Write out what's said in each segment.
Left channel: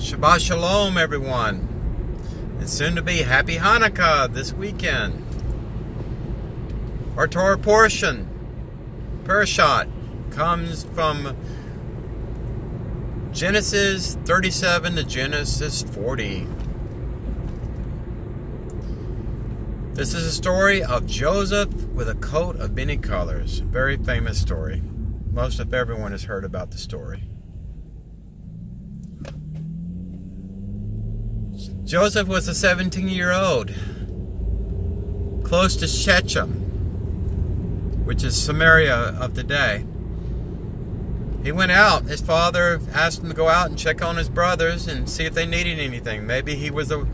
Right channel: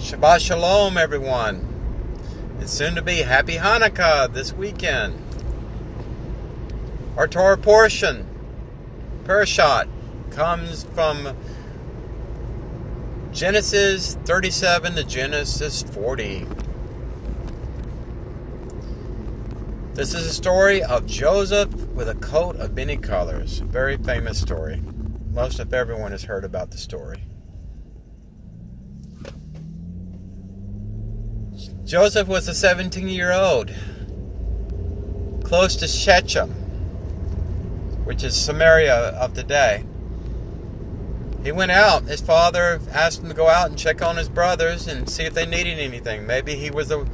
Shabbat Shalom, everyone. It's soon to be Happy Hanukkah this weekend. Our Torah portion, Parashat, comes from Genesis 37 to Genesis 40. This is a story of Joseph with a coat of many colors. Very famous story. Most of everyone has heard about the story. Joseph was a 17-year-old, close to Shechem, which is Samaria of today. He went out. His father asked him to go out and check on his brothers and see if they needed anything. Maybe he was a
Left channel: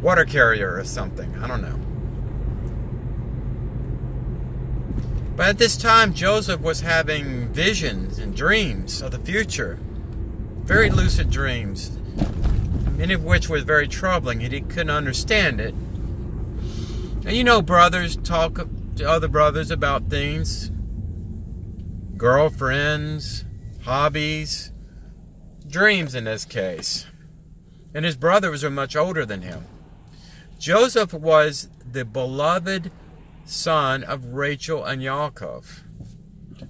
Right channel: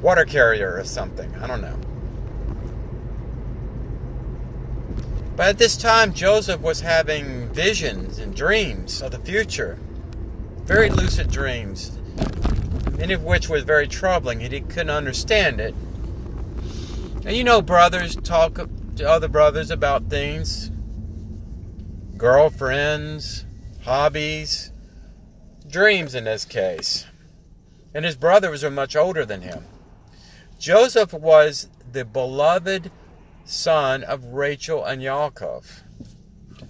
water carrier or something. I don't know. But at this time, Joseph was having visions and dreams of the future. Very lucid dreams. Many of which was very troubling. He couldn't understand it. And you know, brothers talk to other brothers about things. Girlfriends, hobbies, dreams in this case. And his brothers are much older than him. Joseph was the beloved son of Rachel and Yaakov.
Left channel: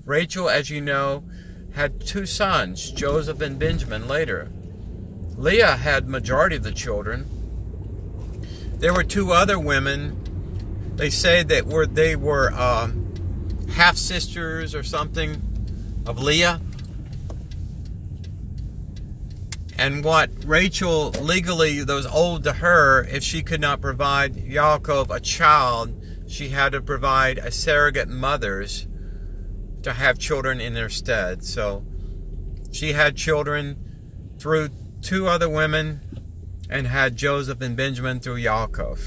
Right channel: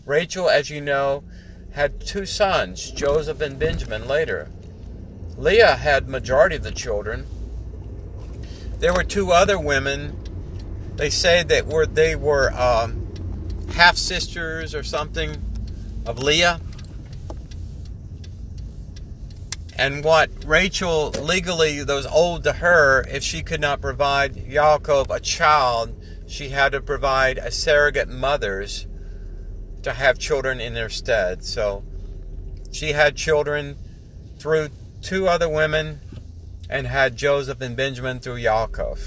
Rachel, as you know, had two sons, Joseph and Benjamin later. Leah had majority of the children. There were two other women. They say that they were half-sisters or something of Leah. And what Rachel legally, those owed to her, if she could not provide Yaakov a child, she had to provide a surrogate mothers to have children in their stead. So she had children through two other women and had Joseph and Benjamin through Yaakov.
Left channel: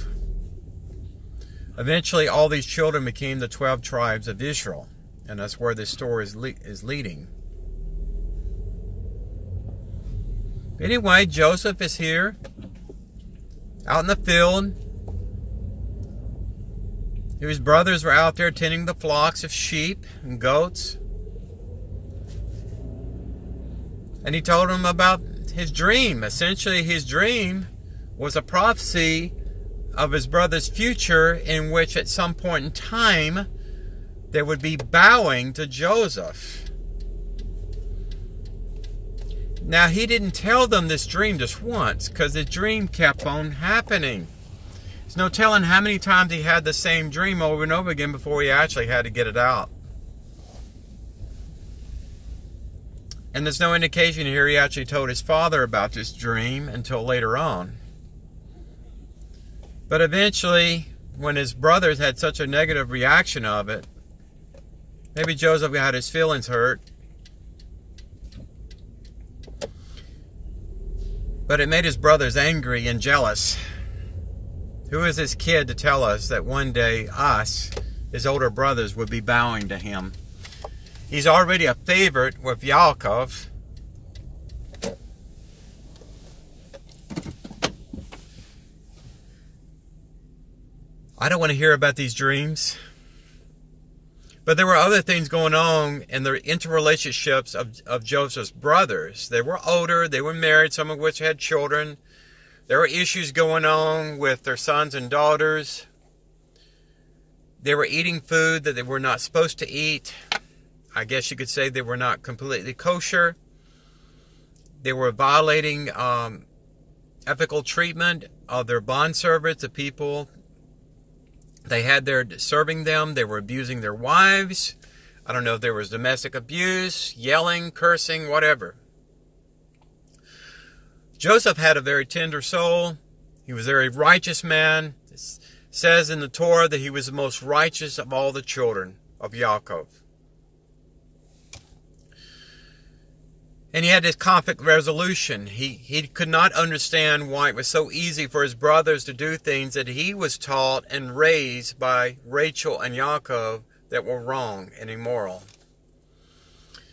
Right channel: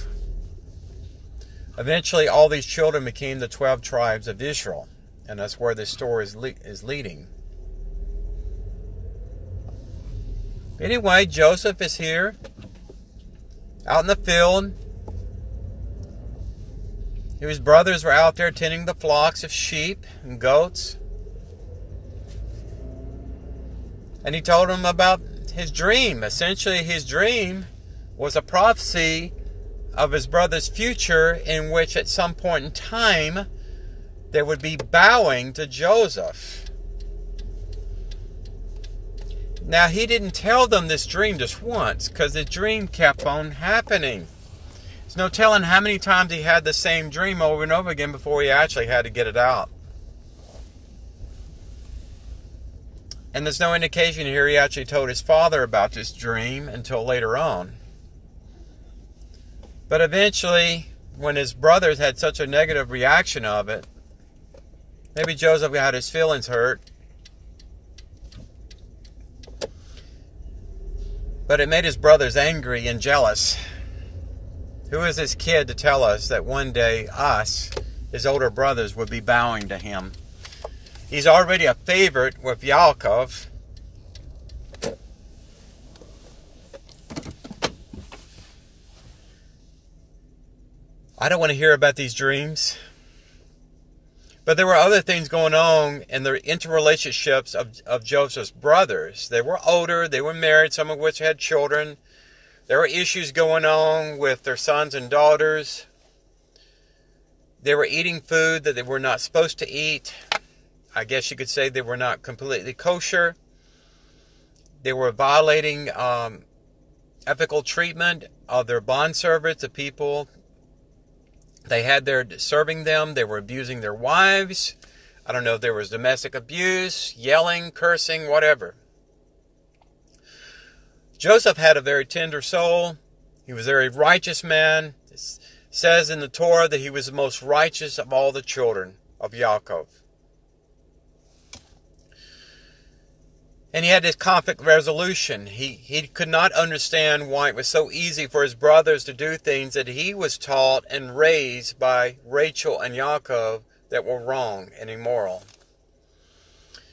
Eventually, all these children became the 12 tribes of Israel, and that's where this story is leading. Anyway, Joseph is here, out in the field. His brothers were out there tending the flocks of sheep and goats. And he told them about his dream. Essentially, his dream was a prophecy of his brother's future, in which at some point in time they would be bowing to Joseph. Now, he didn't tell them this dream just once, because the dream kept on happening. There's no telling how many times he had the same dream over and over again before he actually had to get it out. And there's no indication here he actually told his father about this dream until later on. But eventually, when his brothers had such a negative reaction of it, maybe Joseph had his feelings hurt. But it made his brothers angry and jealous. Who is this kid to tell us that one day us, his older brothers, would be bowing to him? He's already a favorite with Yaakov. I don't want to hear about these dreams. But there were other things going on in the interrelationships of Joseph's brothers. They were older, they were married, some of which had children. There were issues going on with their sons and daughters. They were eating food that they were not supposed to eat. I guess you could say they were not completely kosher. They were violating ethical treatment of their bondservants, the people they had there serving them. They were abusing their wives. I don't know if there was domestic abuse, yelling, cursing, whatever. Joseph had a very tender soul. He was a very righteous man. It says in the Torah that he was the most righteous of all the children of Yaakov. And he had this conflict resolution. He could not understand why it was so easy for his brothers to do things that he was taught and raised by Rachel and Yaakov that were wrong and immoral.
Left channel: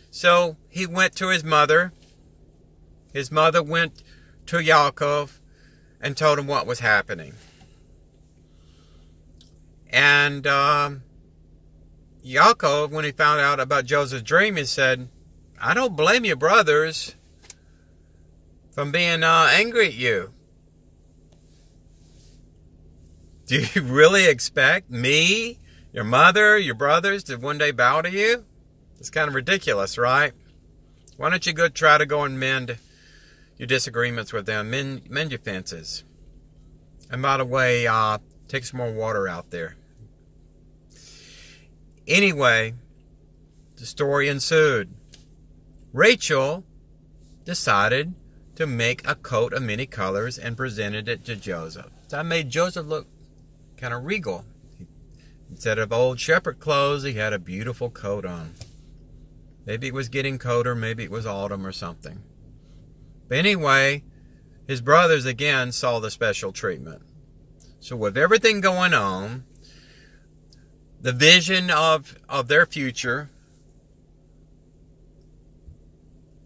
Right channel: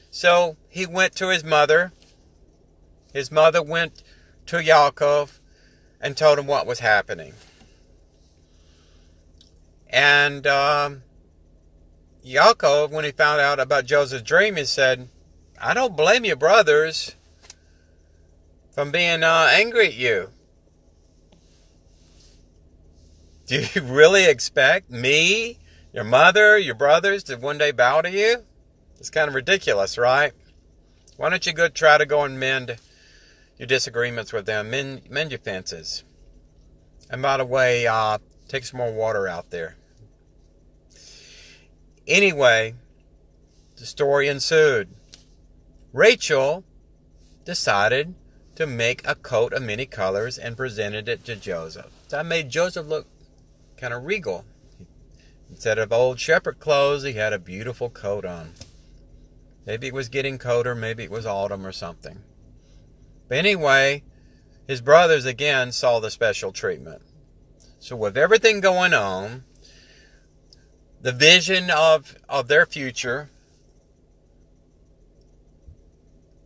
So he went to his mother. His mother went to Yaakov and told him what was happening. And Yaakov, when he found out about Joseph's dream, he said, I don't blame your brothers. from being angry at you. Do you really expect me, your mother, your brothers to one day bow to you? It's kind of ridiculous, right? Why don't you try to go and mend your disagreements with them, mend your fences. And by the way, take some more water out there. Anyway, the story ensued. Rachel decided to make a coat of many colors and presented it to Joseph. That made Joseph look kind of regal. Instead of old shepherd clothes, he had a beautiful coat on. Maybe it was getting colder, maybe it was autumn or something. But anyway, his brothers again saw the special treatment. So with everything going on, the vision of their future,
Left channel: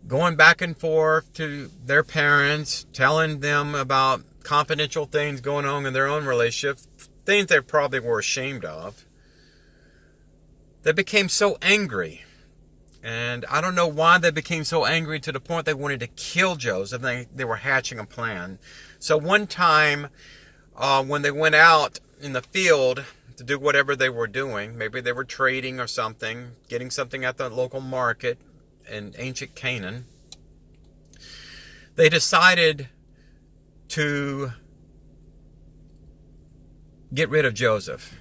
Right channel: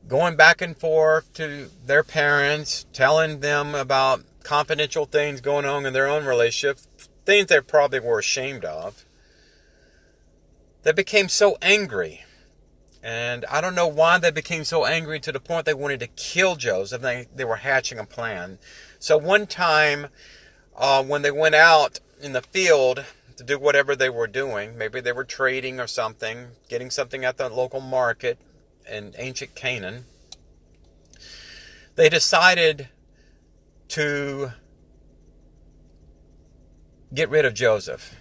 going back and forth to their parents, telling them about confidential things going on in their own relationship, things they probably were ashamed of, they became so angry. And I don't know why they became so angry to the point they wanted to kill Joseph. They were hatching a plan. So one time, when they went out in the field to do whatever they were doing, maybe they were trading or something, getting something at the local market in ancient Canaan, they decided to get rid of Joseph.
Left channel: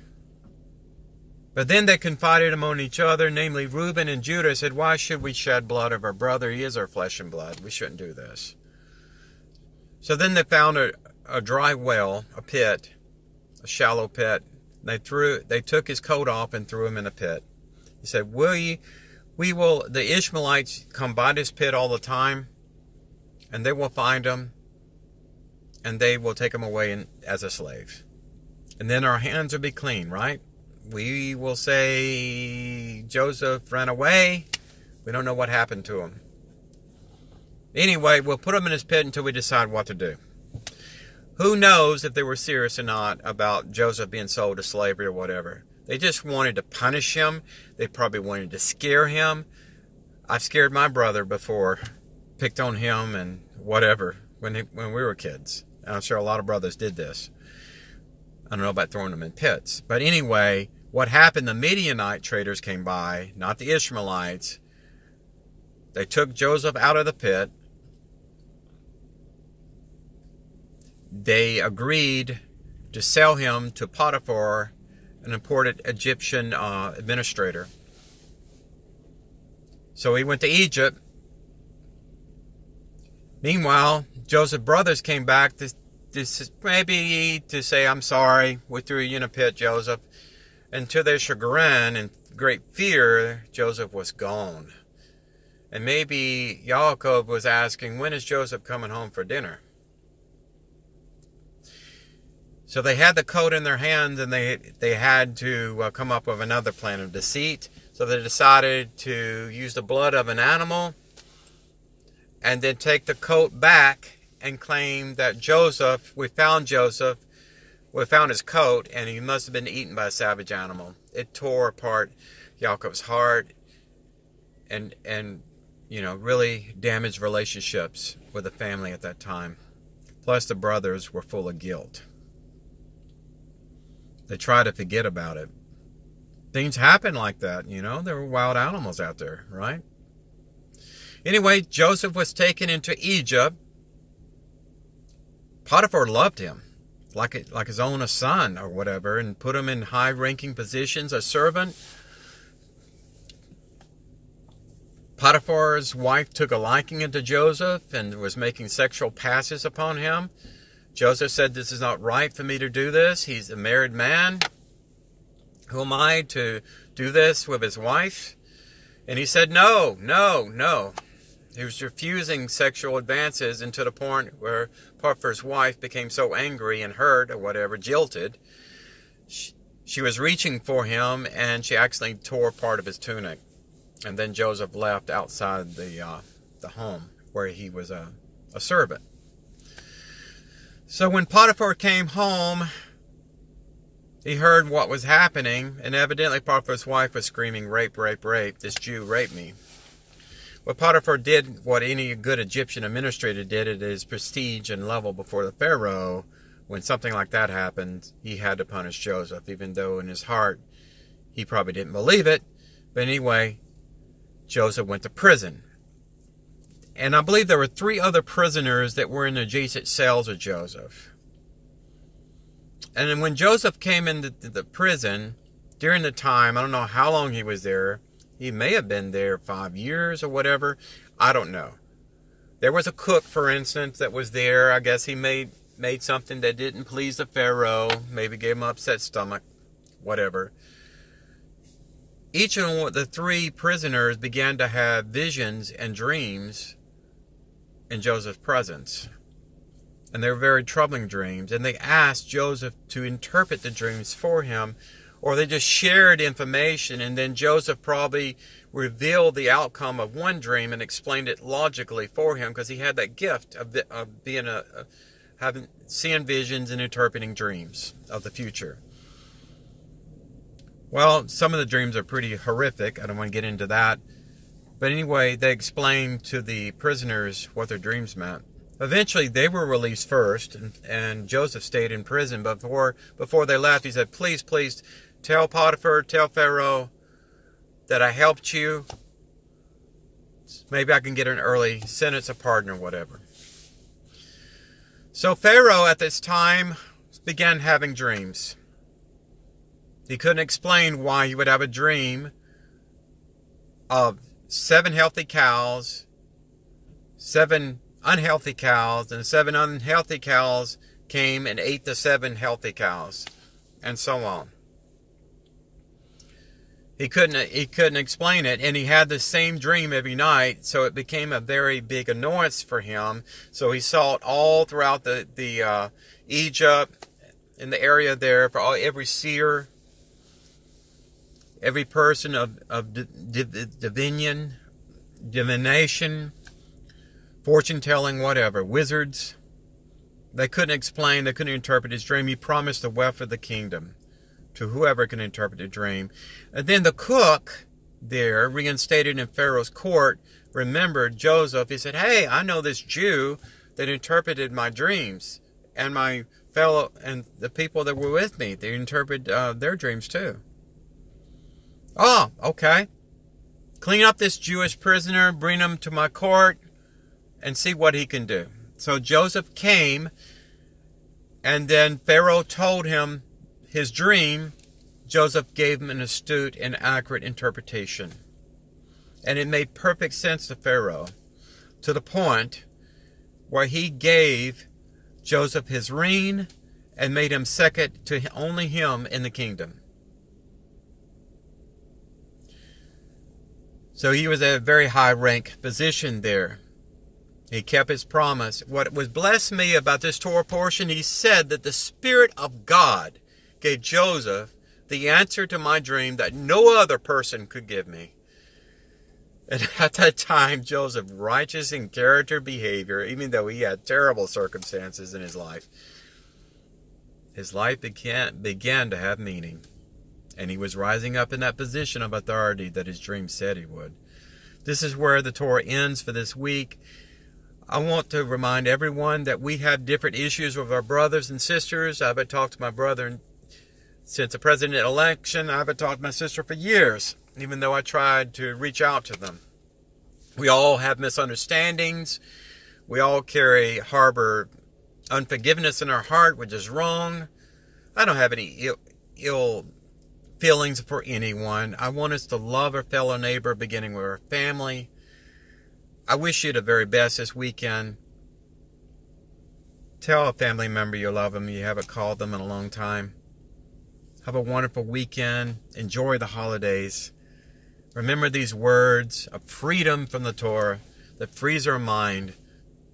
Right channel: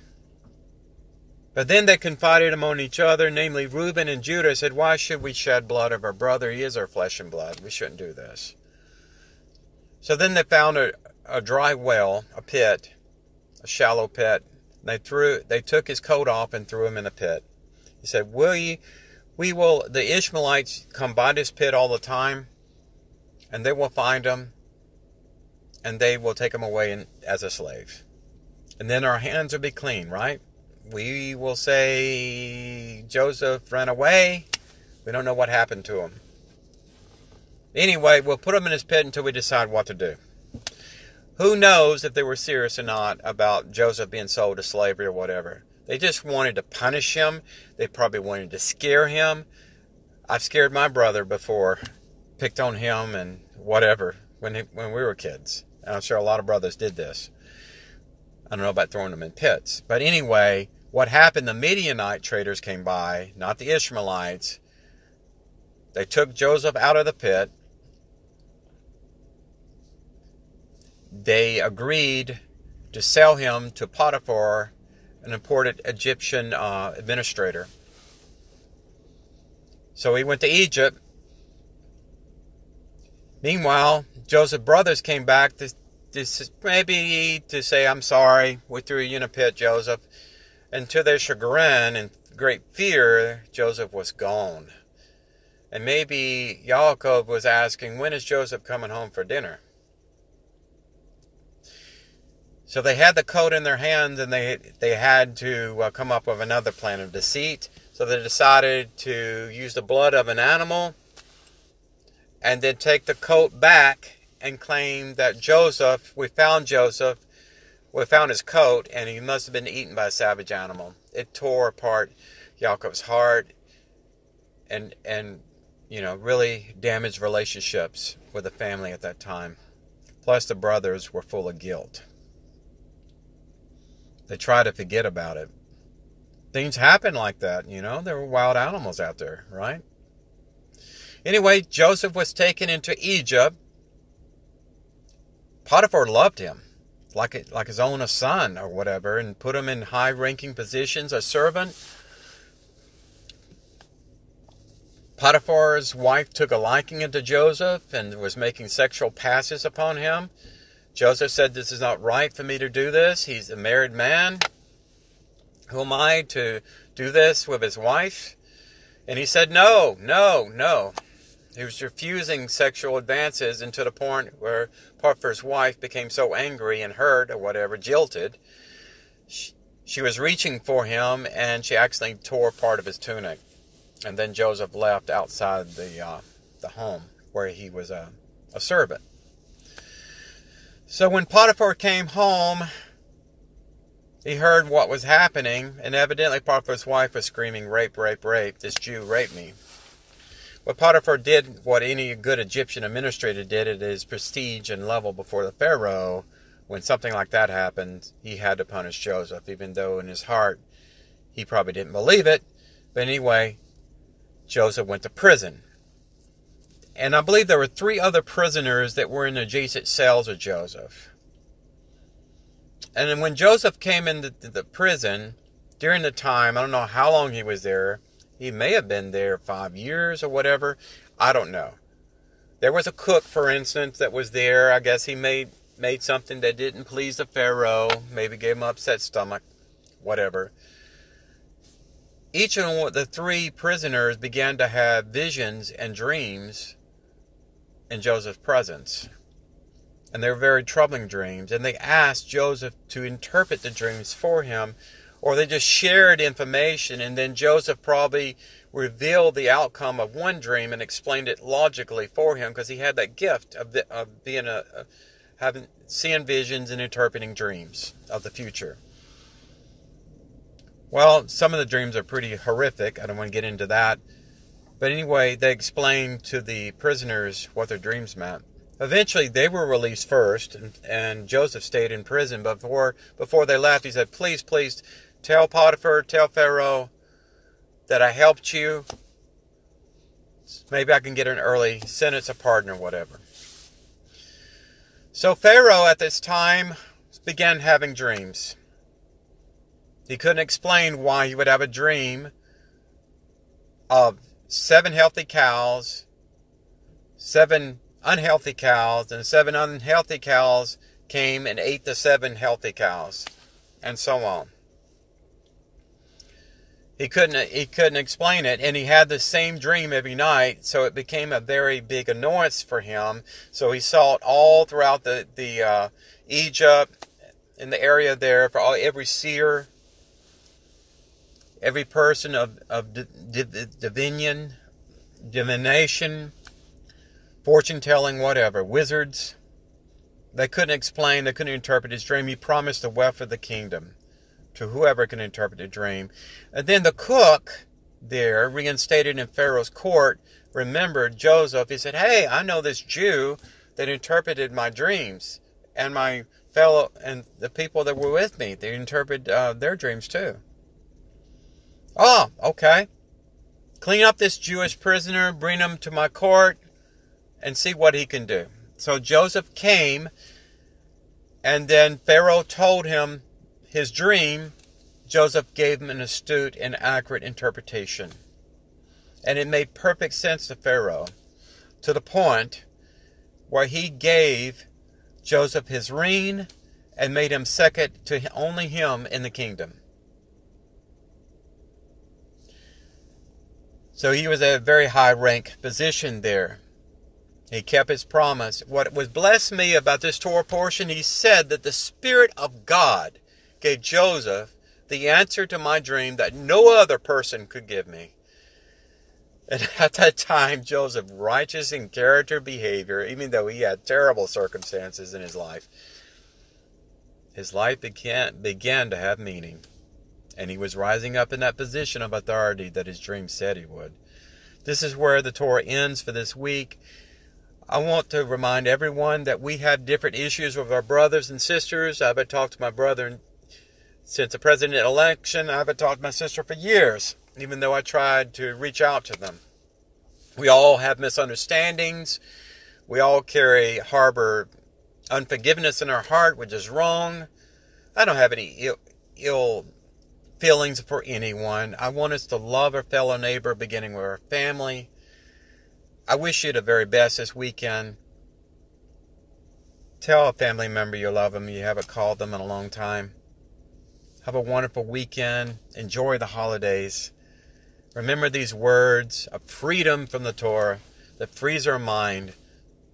But then they confided among each other, namely Reuben and Judah, said, why should we shed blood of our brother? He is our flesh and blood. We shouldn't do this. So then they found a dry well, a pit, a shallow pit. They took his coat off and threw him in a pit. He said, the Ishmaelites come by this pit all the time, and they will find him, and they will take him away as a slave. And then our hands will be clean, right? We will say Joseph ran away. We don't know what happened to him. Anyway, we'll put him in his pit until we decide what to do. Who knows if they were serious or not about Joseph being sold to slavery or whatever. They just wanted to punish him. They probably wanted to scare him. I've scared my brother before, picked on him and whatever when we were kids. And I'm sure a lot of brothers did this. I don't know about throwing them in pits. But anyway, what happened, the Midianite traders came by, not the Ishmaelites. They took Joseph out of the pit. They agreed to sell him to Potiphar, an important Egyptian administrator. So he went to Egypt. Meanwhile, Joseph's brothers came back maybe to say, I'm sorry, we threw you in a pit, Joseph. And to their chagrin and great fear, Joseph was gone. And maybe Yaakov was asking, when is Joseph coming home for dinner? So they had the coat in their hands, and they had to come up with another plan of deceit. So they decided to use the blood of an animal and then take the coat back and claim that we found his coat, and he must have been eaten by a savage animal. It tore apart Yaakov's heart and really damaged relationships with the family at that time. Plus, the brothers were full of guilt. They tried to forget about it. Things happen like that, There were wild animals out there, right? Anyway, Joseph was taken into Egypt. Potiphar loved him, like his own son or whatever, and put him in high-ranking positions, a servant. Potiphar's wife took a liking to Joseph and was making sexual passes upon him. Joseph said, this is not right for me to do this. He's a married man. Who am I to do this with his wife? And he said, no. He was refusing sexual advances, and to the point where Potiphar's wife became so angry and hurt or whatever, jilted. She was reaching for him, and she accidentally tore part of his tunic. And then Joseph left outside the home where he was a servant. So when Potiphar came home, he heard what was happening, and evidently Potiphar's wife was screaming, rape, rape, rape. This Jew raped me. Well, Potiphar did what any good Egyptian administrator did at his prestige and level before the Pharaoh. When something like that happened, he had to punish Joseph, even though in his heart he probably didn't believe it. But anyway, Joseph went to prison. And I believe there were 3 other prisoners that were in adjacent cells of Joseph. And then when Joseph came into the prison, during the time, I don't know how long he was there. He may have been there 5 years or whatever. I don't know. There was a cook, for instance, that was there. I guess he made something that didn't please the Pharaoh. Maybe gave him an upset stomach. Whatever. Each of the 3 prisoners began to have visions and dreams in Joseph's presence. And they were very troubling dreams. And they asked Joseph to interpret the dreams for him. Or they just shared information, and then Joseph probably revealed the outcome of one dream and explained it logically for him, because he had that gift of being seeing visions and interpreting dreams of the future. Well, some of the dreams are pretty horrific. I don't want to get into that. But anyway, they explained to the prisoners what their dreams meant. Eventually, they were released first, and Joseph stayed in prison. But before they left, he said, please, tell Potiphar, tell Pharaoh that I helped you. Maybe I can get an early sentence of pardon or whatever. So Pharaoh at this time began having dreams. He couldn't explain why he would have a dream of 7 healthy cows, 7 unhealthy cows, and 7 unhealthy cows came and ate the 7 healthy cows, and so on. He couldn't explain it, and he had the same dream every night, so it became a very big annoyance for him. So he saw it all throughout the Egypt, in the area there, for every seer, every person of divination, fortune-telling, whatever, wizards. They couldn't explain, they couldn't interpret his dream. He promised the wealth of the kingdom to whoever can interpret the dream. And then the cook there, reinstated in Pharaoh's court, remembered Joseph. He said, hey, I know this Jew that interpreted my dreams, and my fellow, and the people that were with me, they interpreted their dreams too. Oh, okay. Clean up this Jewish prisoner, bring him to my court, and see what he can do. So Joseph came, and then Pharaoh told him his dream. Joseph gave him an astute and accurate interpretation. And it made perfect sense to Pharaoh, to the point where he gave Joseph his ring and made him second to only him in the kingdom. So he was at a very high rank position there. He kept his promise. What was blessed me about this Torah portion, he said that the Spirit of God gave Joseph the answer to my dream that no other person could give me. And at that time, Joseph, righteous in character, behavior, even though he had terrible circumstances in his life began to have meaning. And he was rising up in that position of authority that his dream said he would. This is where the Torah ends for this week. I want to remind everyone that we have different issues with our brothers and sisters. I haven't talked to my brother since the president election. I haven't talked to my sister for years, even though I tried to reach out to them. We all have misunderstandings. We all harbor unforgiveness in our heart, which is wrong. I don't have any ill feelings for anyone. I want us to love our fellow neighbor, beginning with our family. I wish you the very best this weekend. Tell a family member you love them. You haven't called them in a long time. Have a wonderful weekend. Enjoy the holidays. Remember these words of freedom from the Torah that frees our mind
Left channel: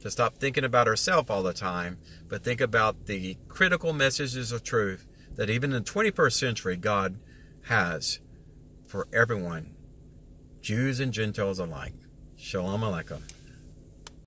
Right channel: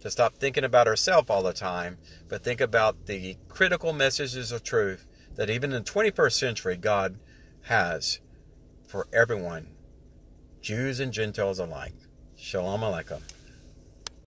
to stop thinking about ourselves all the time, but think about the critical messages of truth that even in the 21st century God has for everyone, Jews and Gentiles alike. Shalom Aleichem.